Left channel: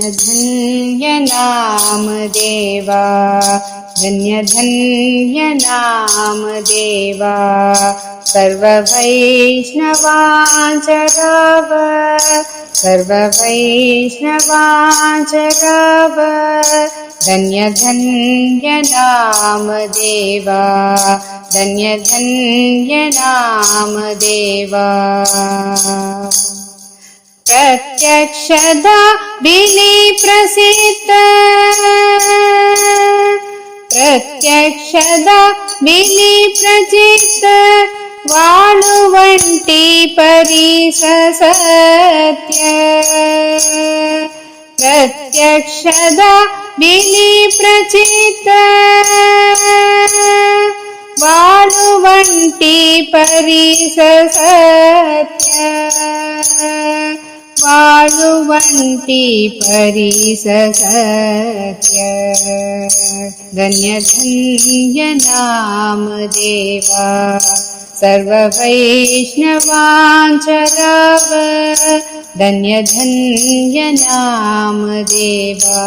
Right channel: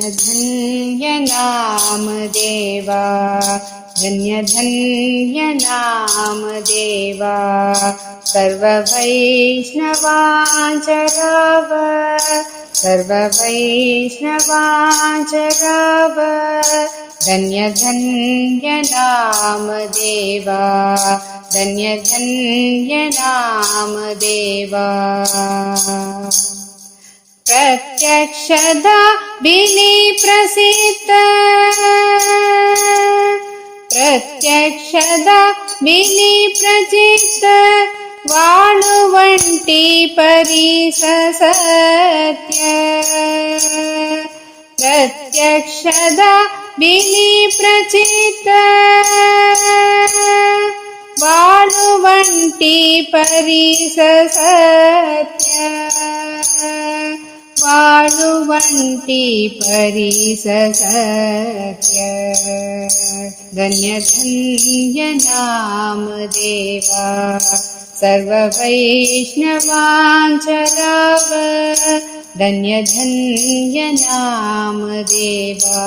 धन्य धन्य नाम देवा, धन्य धन्य नाम देवा, सर्व वैष्णवांच गाव, सर्व वैष्णवांच गाव, धन्य धन्य नाम देवा, धन्य धन्य नाम देवा। प्रत्यक्षदा बिली प्रसिद्ध, प्रत्यक्षदा बिली प्रचित, वाळुवंटी परीस सत्य, प्रत्यक्षदा बिली प्रचित, वाळुवंटी परीस सत्य, वाळुवंटी परीस सत्य। धन्य धन्य नाम देवा, सर्व वैष्णवांच गाव, धन्य धन्य नाम देवा।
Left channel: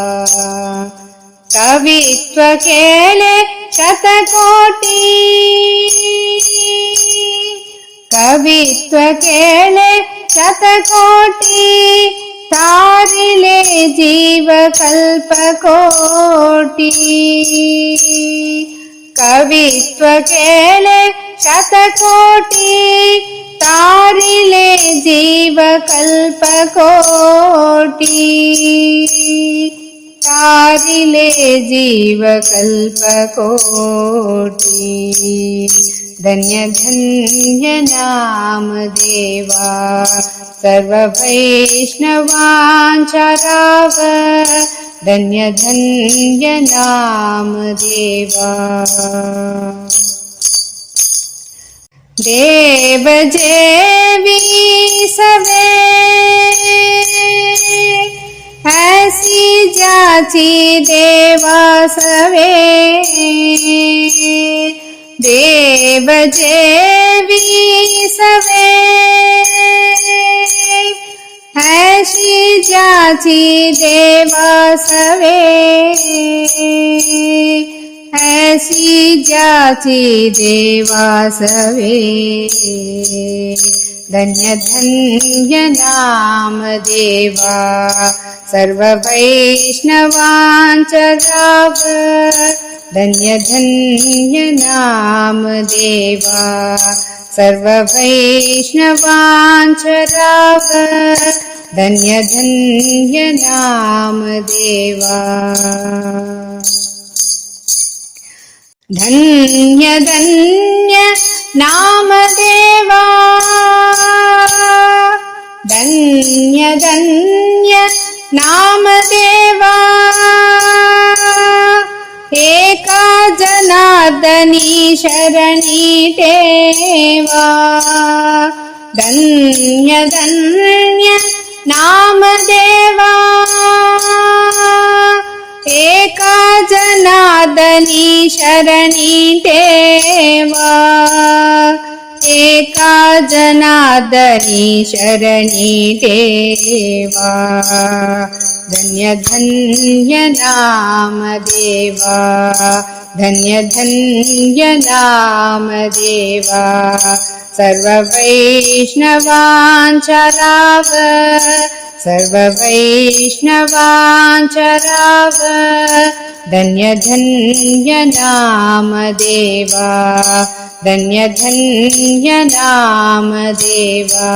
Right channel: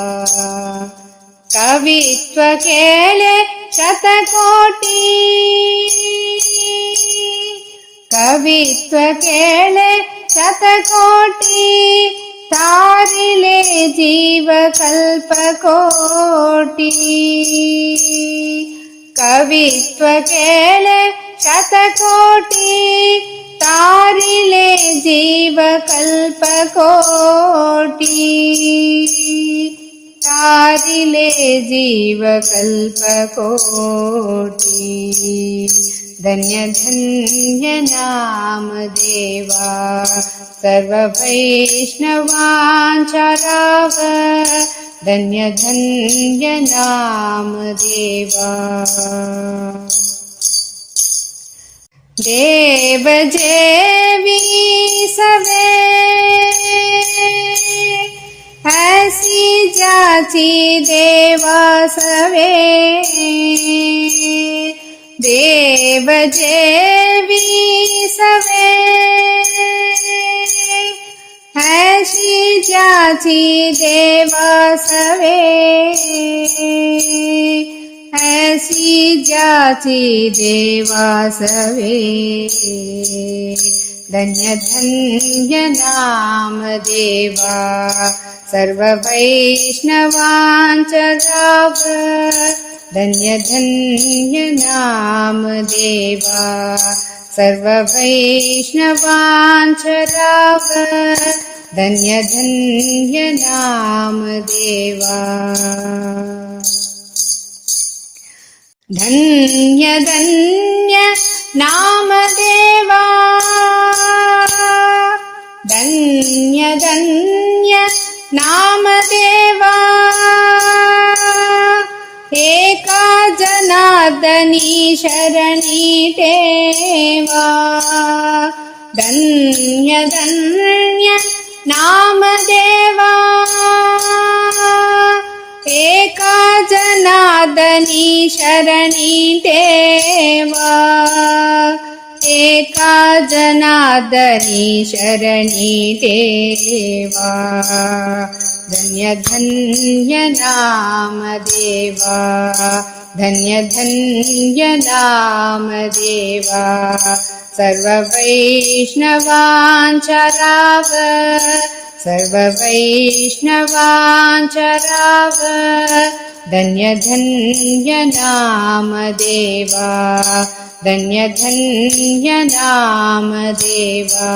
कवित्व केले शतकोटी, कवित्व केले शतकोटी, तारिले जीव कल्पकोटी, कवित्व केले शतकोटी, तारिले जीव कल्पकोटी, तारिले जीव कल्पकोटी। धन्य धन्य नाम देवा, सर्व वैष्णवांच गाव, धन्य धन्य नाम देवा। देव जेवी सवे, ऐसी जाची देवा सवे, देव जेवी सवे, ऐसी जाची देवा सवे, ऐसी जाची देवा सवे। धन्य धन्य नाम देवा, सर्व वैष्णवांच गाव, धन्य धन्य नाम देवा, सर्व वैष्णवांच गाव, धन्य धन्य नाम देवा। धन्य धन्य नाम देवा, धन्य धन्य नाम देवा, एका जनार्दनी शरणी ठेवा, धन्य धन्य नाम देवा, एका जनार्दनी शरणी ठेवा, एका जनार्दनी शरणी ठेवा। धन्य धन्य नाम देवा, धन्य धन्य नाम देवा, सर्व वैष्णवांच गाव, सर्व वैष्णवांच गाव, धन्य धन्य नाम देवा, धन्य धन्य नाम देवा।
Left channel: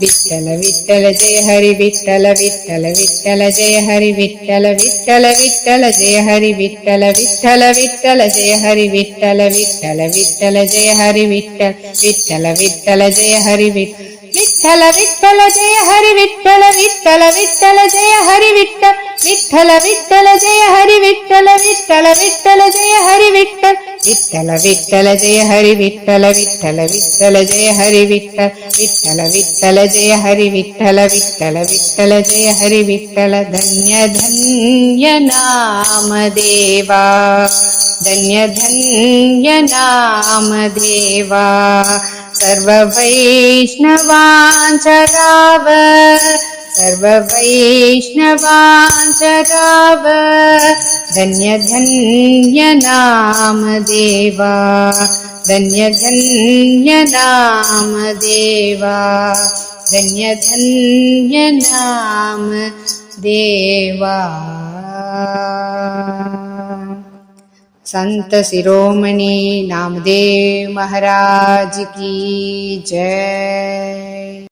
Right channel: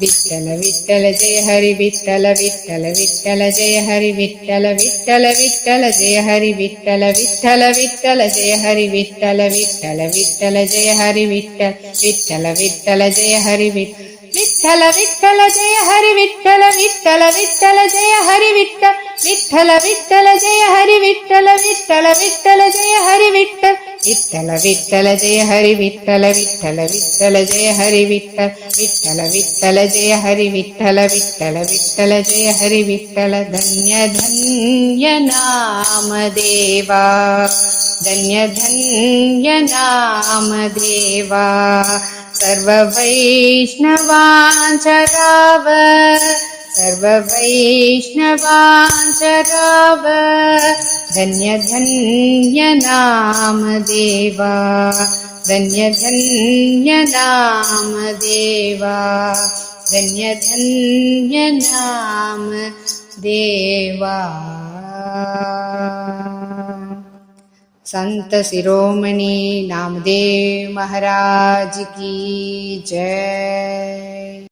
विठ्ठल विठ्ठल जय हरि विठ्ठल, विठ्ठल विठ्ठल जय हरि विठ्ठल, विठ्ठल विठ्ठल जय हरि विठ्ठल, विठ्ठल विठ्ठल जय हरि विठ्ठल, विठ्ठल विठ्ठल जय हरि विठ्ठल, विठ्ठल विठ्ठल जय हरि विठ्ठल, विठ्ठल विठ्ठल जय हरि विठ्ठल, विठ्ठल विठ्ठल जय हरि विठ्ठल, विठ्ठल विठ्ठल जय हरि विठ्ठल, विठ्ठल विठ्ठल जय हरि विठ्ठल, विठ्ठल विठ्ठल जय हरि विठ्ठल, विठ्ठल विठ्ठल जय हरि विठ्ठल, विठ्ठल विठ्ठल जय हरि विठ्ठल, विठ्ठल विठ्ठल जय हरि विठ्ठल। धन्य धन्य नाम देवा, धन्य धन्य नाम देवा, सर्व वैष्णवांच गाव, सर्ववैष्णवांचराव धन्य धन्य नाम देवा धन्य धन्य नाम देवा धन्य धन्य नाम देवा। संत शिरोमणि नामदेव महाराज की जय।